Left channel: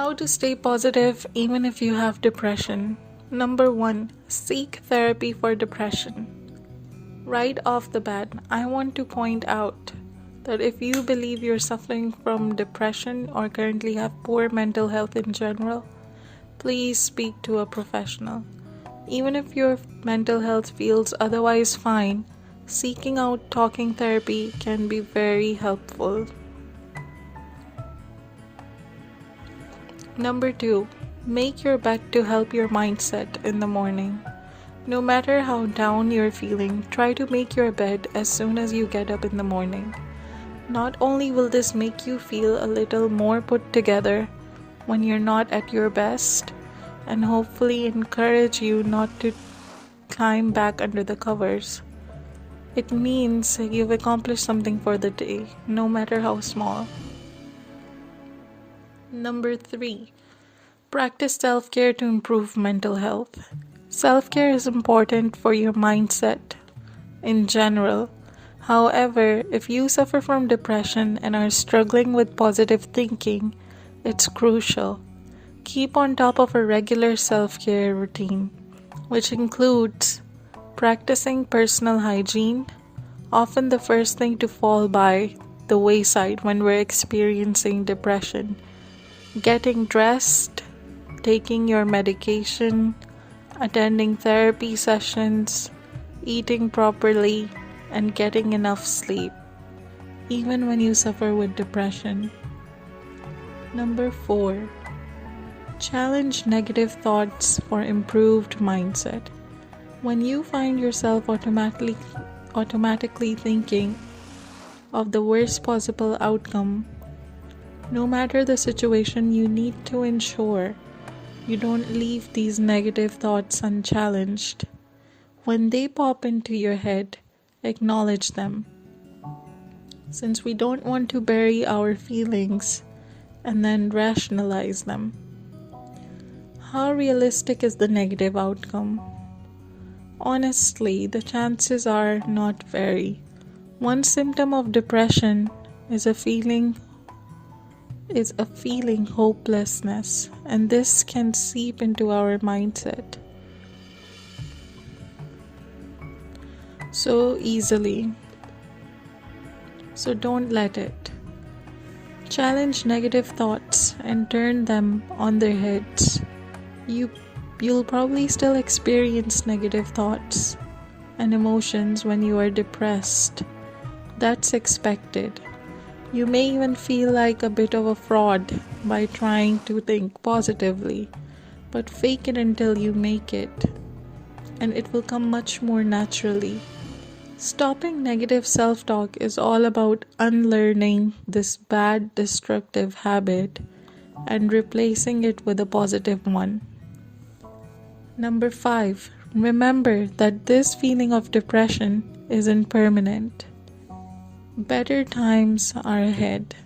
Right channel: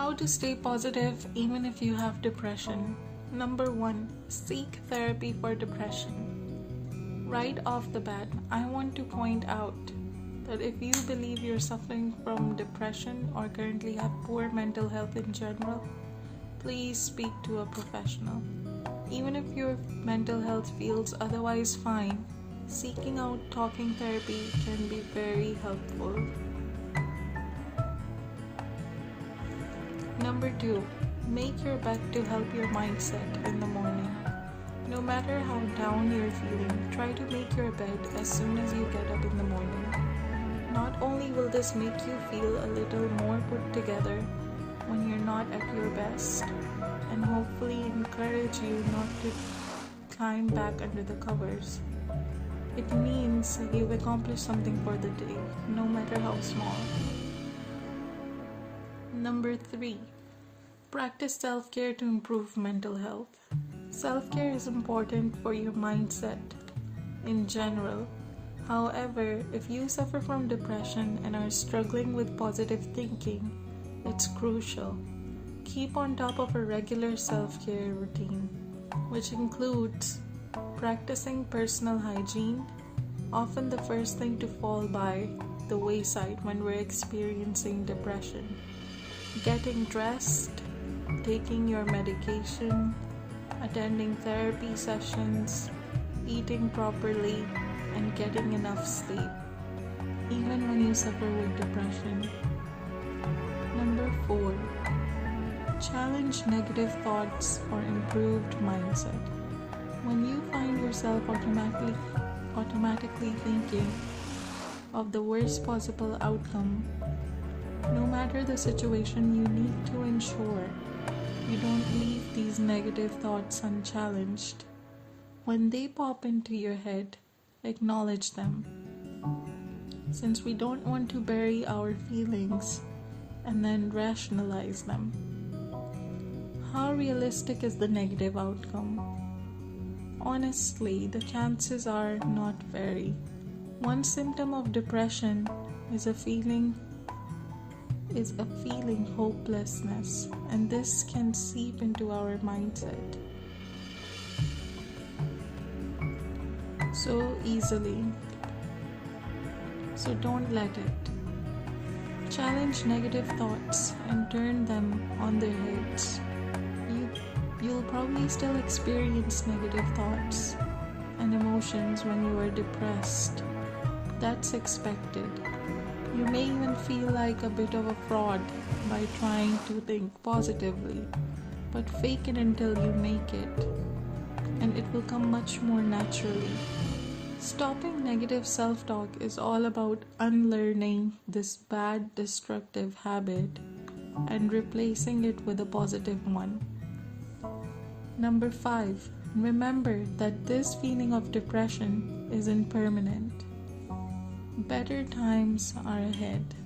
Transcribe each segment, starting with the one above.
How to stay positive even if you have depression. Number 1. Seek therapy for depression. Right off the bat, I want to point out that if you believe you're suffering from depression or currently have poor mental health in general, please speak to a professional. Even if your mental health feels otherwise fine, seeking out talking therapy can be very helpful. Number 2. Make your bed to help your mindset in the morning. No matter how down you're feeling, try to make your bed as soon as you get up in the morning. Not only will this make you feel a little more put together when you're not at your best, and hopefully encourage you not to climb back under the covers, it means you've accomplished something for the day, no matter how small. Number 3. Practice self-care to improve mental health. Self-care is important for your mindset in general. However, if you suffer from depression and are struggling with positive thinking, it's crucial. Keep on top of a regular self-care routine, which includes practicing personal hygiene, often the first thing to fall by the wayside when we're experiencing depression. Getting dressed, taking your medication, attending therapy sessions, eating properly, and getting enough sleep, even when you suffer with depression. Number 4. Challenge negative thoughts for improved mindset. When you find yourself automatically thinking of the worst possible outcome, no matter the situation, you need to ensure you don't leave these negative thoughts unchallenged. When they pop into your head, acknowledge them, since we don't want to bury our feelings and then rationalize them. How realistic is the negative outcome? Honestly, the chances are not very. One symptom of depression is a feeling hopelessness, and this can seep into our mindset so easily. So don't let it. Challenge negative thoughts and turn them on their heads. You'll probably still experience negative thoughts and emotions when you are depressed. That's expected. You may even feel like a bit of a fraud by trying to think positively, but fake it until you make it, and it will come much more naturally. Stopping negative self-talk is all about unlearning this bad, destructive habit and replacing it with a positive one. Number 5. Remember that this feeling of depression isn't permanent. Better times are ahead.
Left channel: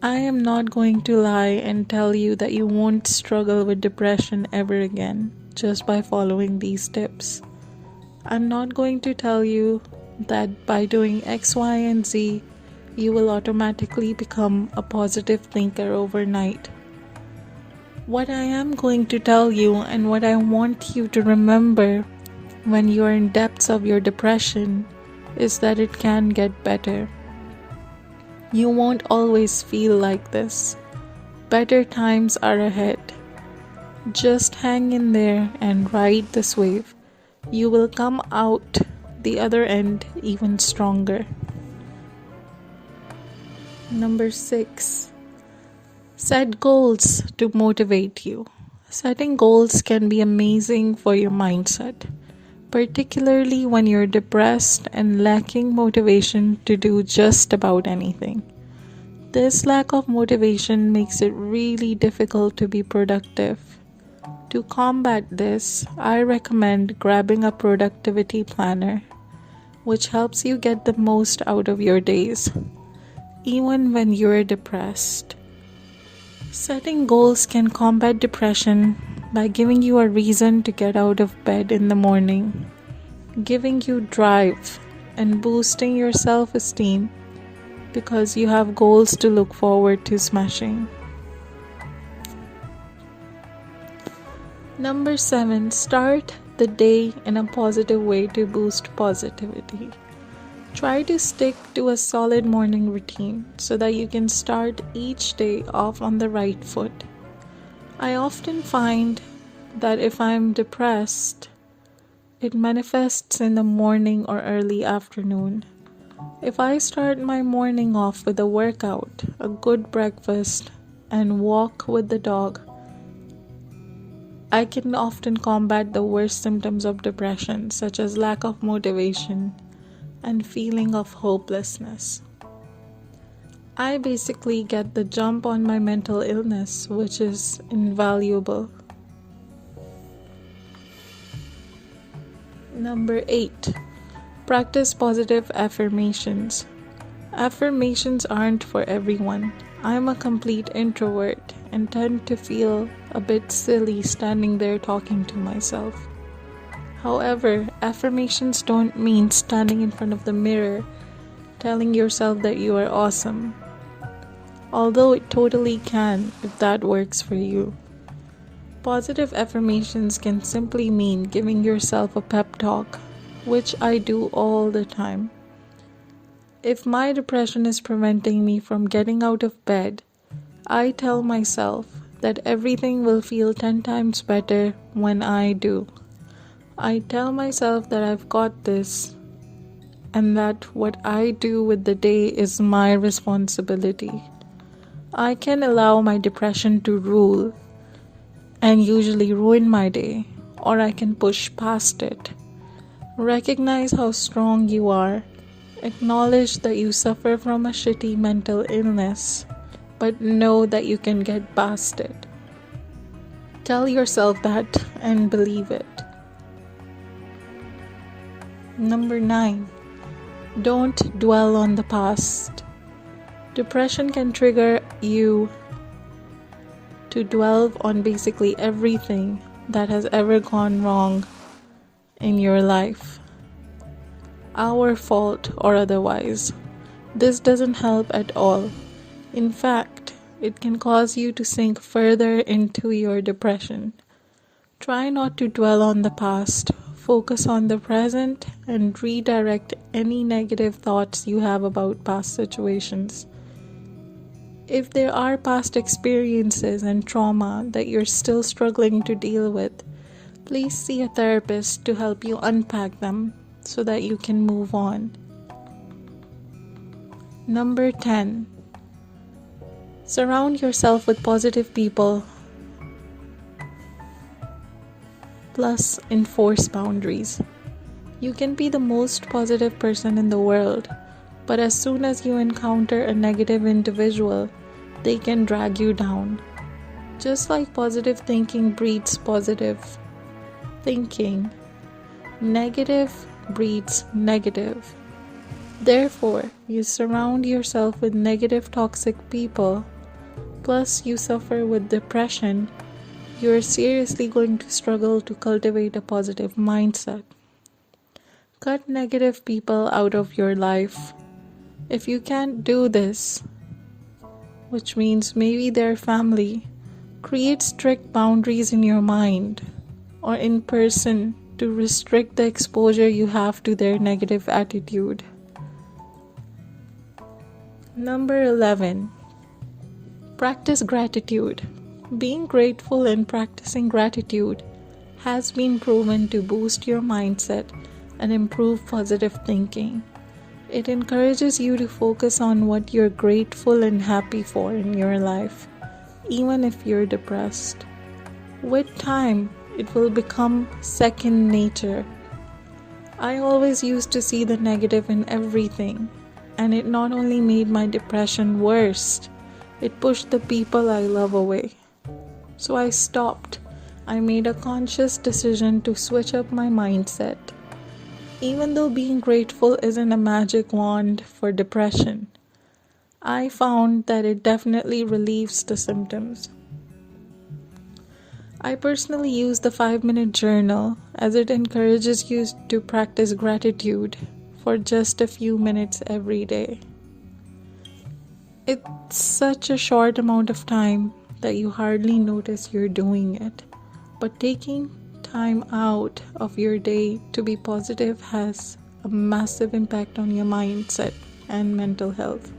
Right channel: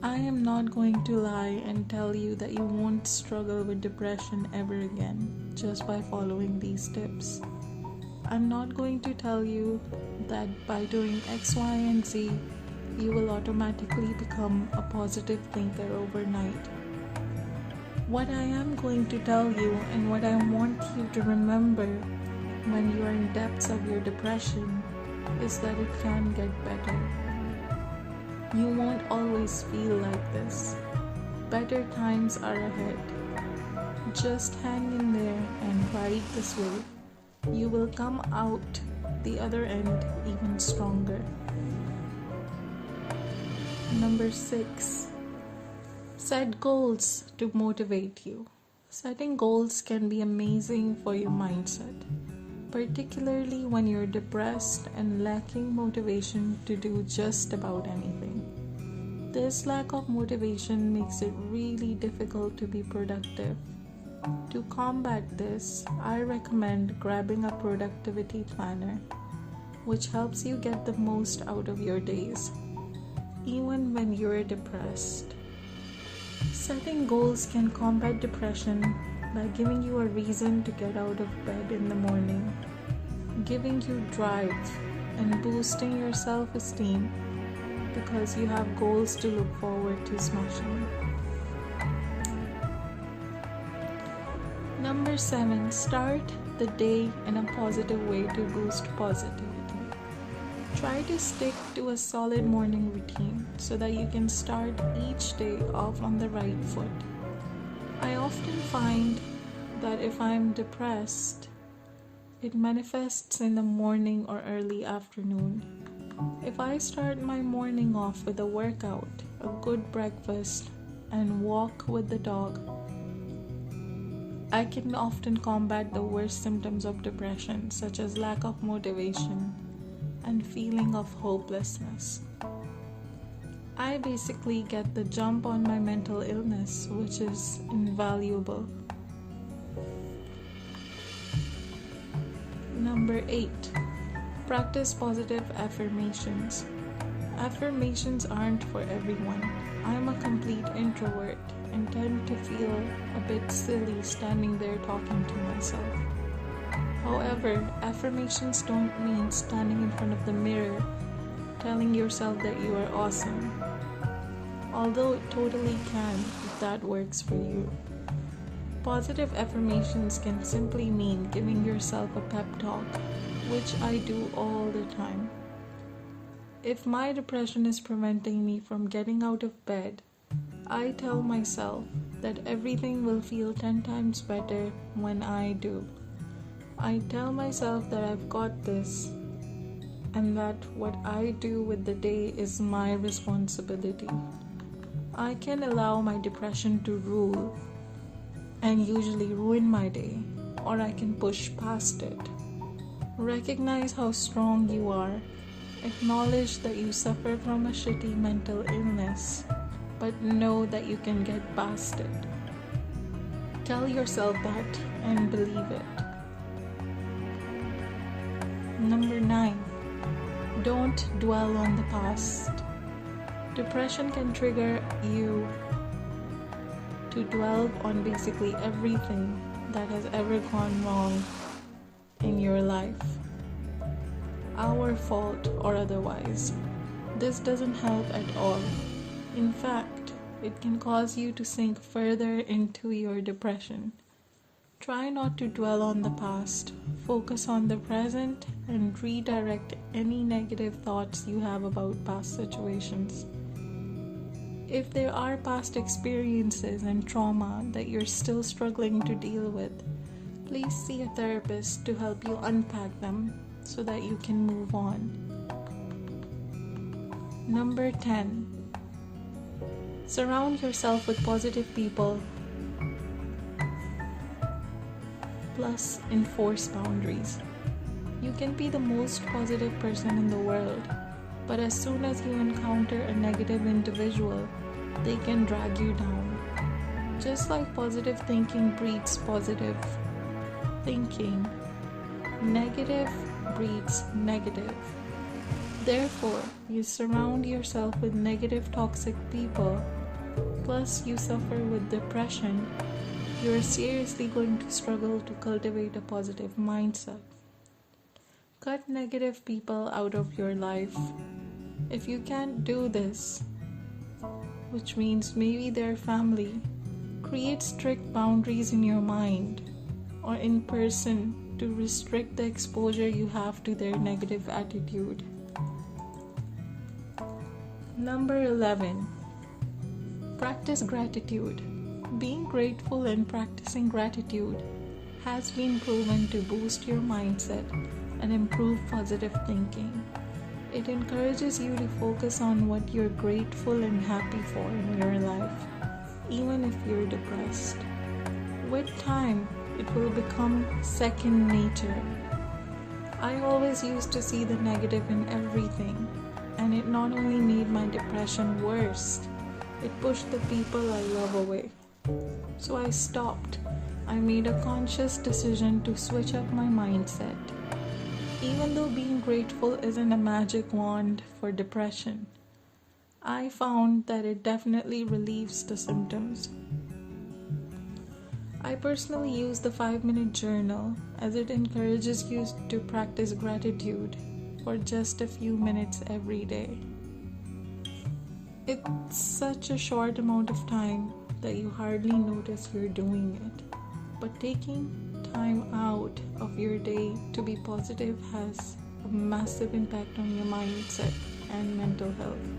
I am not going to lie and tell you that you won't struggle with depression ever again just by following these tips. I'm not going to tell you that by doing X, Y, and Z, you will automatically become a positive thinker overnight. What I am going to tell you, and what I want you to remember when you are in depths of your depression, is that it can get better. You won't always feel like this. Better times are ahead. Just hang in there and ride this wave. You will come out the other end even stronger. Number 6. Set goals to motivate you. Setting goals can be amazing for your mindset, particularly when you're depressed and lacking motivation to do just about anything. This lack of motivation makes it really difficult to be productive. To combat this, I recommend grabbing a productivity planner, which helps you get the most out of your days, even when you're depressed. Setting goals can combat depression by giving you a reason to get out of bed in the morning, giving you drive, and boosting your self-esteem because you have goals to look forward to smashing. Number 7, start the day in a positive way to boost positivity. Try to stick to a solid morning routine so that you can start each day off on the right foot. I often find that if I'm depressed, it manifests in the morning or early afternoon. If I start my morning off with a workout, a good breakfast, and walk with the dog, I can often combat the worst symptoms of depression, such as lack of motivation and feeling of hopelessness. I basically get the jump on my mental illness, which is invaluable. Number 8, practice positive affirmations. Affirmations aren't for everyone. I'm a complete introvert and tend to feel a bit silly standing there talking to myself. However, affirmations don't mean standing in front of the mirror telling yourself that you are awesome, although it totally can if that works for you. Positive affirmations can simply mean giving yourself a pep talk, which I do all the time. If my depression is preventing me from getting out of bed, I tell myself that everything will feel 10 times better when I do. I tell myself that I've got this and that what I do with the day is my responsibility. I can allow my depression to rule and usually ruin my day, or I can push past it. Recognize how strong you are. Acknowledge that you suffer from a shitty mental illness, but know that you can get past it. Tell yourself that and believe it. Number 9, don't dwell on the past. Depression can trigger you to dwell on basically everything that has ever gone wrong in your life, our fault or otherwise. This doesn't help at all. In fact, it can cause you to sink further into your depression. Try not to dwell on the past. Focus on the present and redirect any negative thoughts you have about past situations. If there are past experiences and trauma that you're still struggling to deal with, please see a therapist to help you unpack them so that you can move on. Number 10, surround yourself with positive people. Plus, enforce boundaries. You can be the most positive person in the world, but as soon as you encounter a negative individual, they can drag you down. Just like positive thinking breeds positive thinking, negative breeds negative. Therefore, you surround yourself with negative, toxic people, plus you suffer with depression, you are seriously going to struggle to cultivate a positive mindset. Cut negative people out of your life. If you can't do this, which means maybe their family, create strict boundaries in your mind or in person to restrict the exposure you have to their negative attitude. Number 11, practice gratitude. Being grateful and practicing gratitude has been proven to boost your mindset and improve positive thinking. It encourages you to focus on what you're grateful and happy for in your life, even if you're depressed. With time, it will become second nature. I always used to see the negative in everything, and it not only made my depression worse, it pushed the people I love away. So I stopped. I made a conscious decision to switch up my mindset. Even though being grateful isn't a magic wand for depression, I found that it definitely relieves the symptoms. I personally use the 5-minute journal as it encourages you to practice gratitude for just a few minutes every day. It's such a short amount of time that you hardly notice you're doing it. but taking time out of your day to be positive has a massive impact on your mindset and mental health.